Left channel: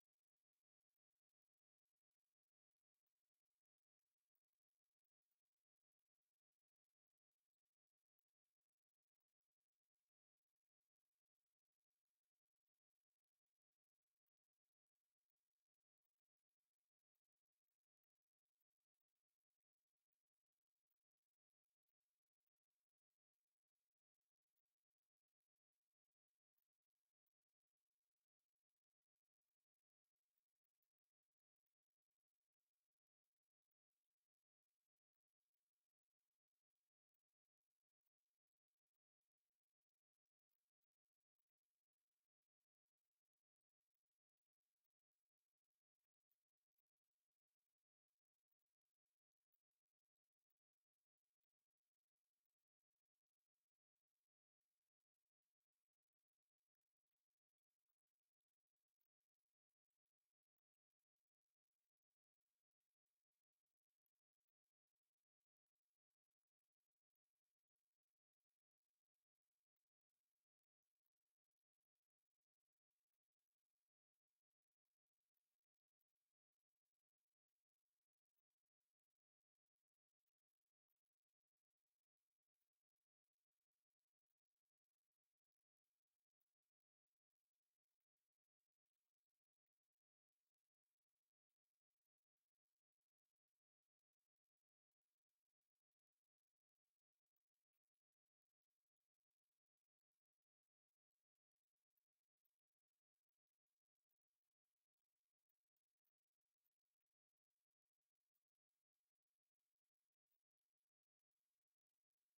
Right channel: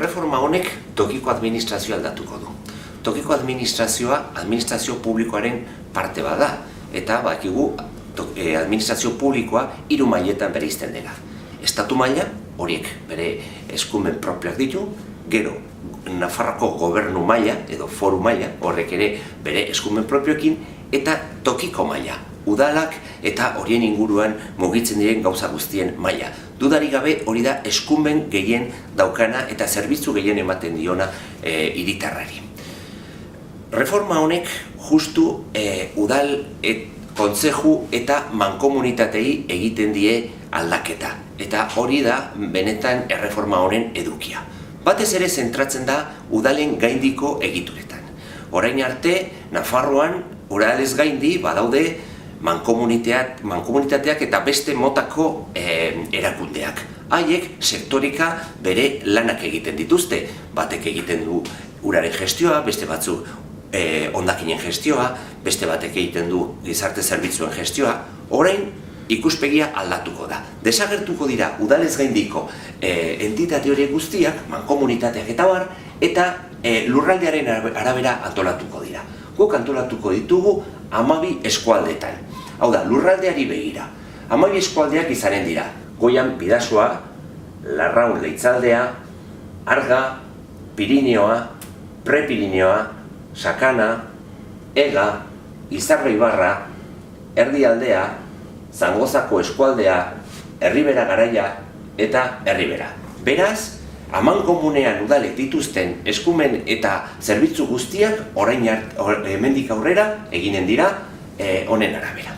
Erreforma honek tokiko administrazioa aldatuko du. Tokiko administrazio publikoaren parte bada, eta bakigu administrazio publikoa 3 mailetan bereizten dela. Estatu maila, horiek bere eskumen propioak ditu, gero Nafarroko gobernu maila edo foru maila, horrek ere bere eskumen propioekin, eta tokiko maila, udalak eta horien inguruan mugitzen diren gauza guztien maila. Dudarik gabe hori da eskumen gehien daukana eta zerbitzu gehien ematen diona hiritarrari. Reforma honek justu udal, kontzeju eta mankomunitatei egiten die aldaketa. Eta hori da benetan erreforma honen edukia. Batez ere zentratzen da udalen gaindiko egituretan. Orain arte, Nafarroan udalez gaindi badaude mankomunitateak eta beste motako erakundeak. Haiek sektorika bere lanak egiten dituzte. Batek egiten du uraren gestioa, beste batzuk hondakinen gestioa, beste batek egiten du gizarte zerbitzuen gestioa. Orain ikuspegia aldatuko da. Desagertuko dira udalez gaindiko entitate horiek guztiak, mankomunitateak eta bar, eta lurraldearen arabera antolatuko dira. Guk antolatuko ditugu 12 eskualdetan. Hau da, lurraldeari begira. 12 eskualdeak izanen dira. Goian Bidasoa, Larraun Leitzaldea, Arga, Pirineoa, Prepirineoa, Sakana, Ega, Izarra Ibarra, Erdialdea, Zangozako eskualdea, Erribera Garaia eta Erribera. Beraz, amankomunean udalek dituzten eskumen eta zerbitzu guztiak orain hemendik aurrera eginen dira honen arabera.